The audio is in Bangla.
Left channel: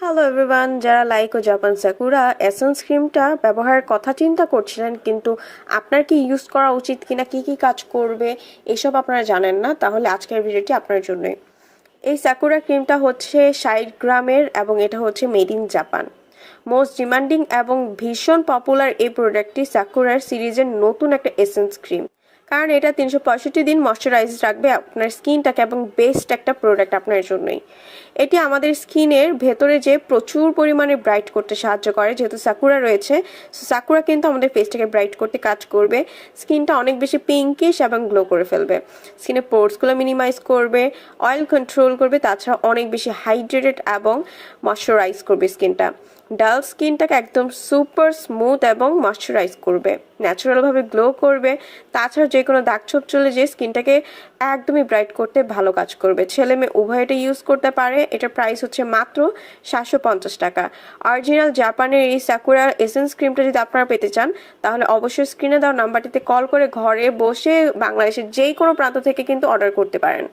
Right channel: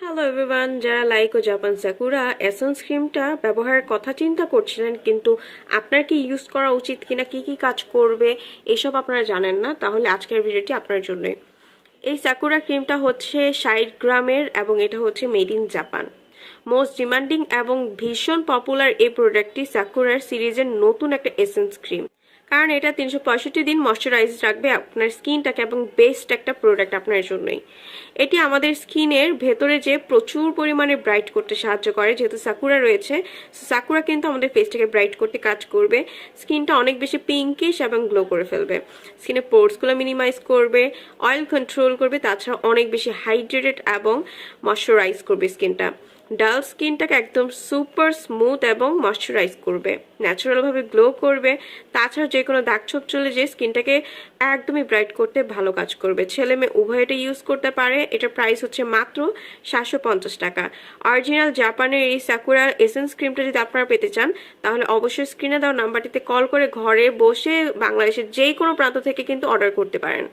হ্যালো এভরিওয়ান, যারা লাইক ও জাপান সাকুরা এসেন্স ক্রিমটা ব্যবহারের কথা চিন্তা করছিলেন কিন্তু আপনার কি ইউজ করা উচিত কিনা, কি কি কাজ করবে এসব আপনারা জানেন না, তাহলে আজকের ভিডিওটি আপনার জন্যই। এই সাকুরা ক্রিমটা হচ্ছে 60 গ্রামের এবং এটা হচ্ছে made in Japan. Most demanding এবং ভীষণ পপুলার এই প্রোডাক্টটি সাকুরার সিরিজের নতুন একটা এসেন্স ক্রিম, কারণ এটা 365 দিন ময়শ্চারাইজ রাখবে আপনার স্কিনটাকে এবং বেস্ট একটা প্রোডাক্ট আপনার জন্যই। এটি আমাদের স্কিনের ভেতরে যে প্রচুর পরিমাণে ব্রাইট করতে সাহায্য করে, যেহেতু সাকুরা রয়েছে। সাকুরা কিন্তু আমাদের ফেসটাকে ব্রাইট করতে কাজ করবে, স্কিনটা অনেক বেশি পিঙ্কিশ এবং গ্লো করে ফেলবে, স্কিনের পোর্সগুলো মিনিমাইজ করবে, অয়েল কন্ট্রোল করবে, তাছাড়া অনেক বেশি হাইড্রেটেড এবং ময়শ্চারাইজ করবে স্কিনটা। ডাল স্কিনটাকে একদম সুপার স্মুথ এবং ময়শ্চারাইজ করবে, ন্যাচারালভাবে গ্লো করবে। তাছাড়া যে কোনো দাগ ছোপ চলে যে স্কিনটাকে একদমই ব্রাইট করতে ভালো কাজ করবে। ছেলে মেয়ে উভয় এটা ইউজ করতে পারে। এটার প্রাইস হচ্ছে মাত্র 750 টাকা। অরিজিনাল জাপানের এই সাকুরা এসেন্স ক্রিমটা যদি আপনারা পেতে চান তাহলে অবশ্যই স্ক্রিনে দেওয়া নাম্বারটিতে কল করে ঘরে বসে বাংলাদেশের যে কোনো প্রান্ত থেকে কিন্তু অর্ডার করতে পারেন।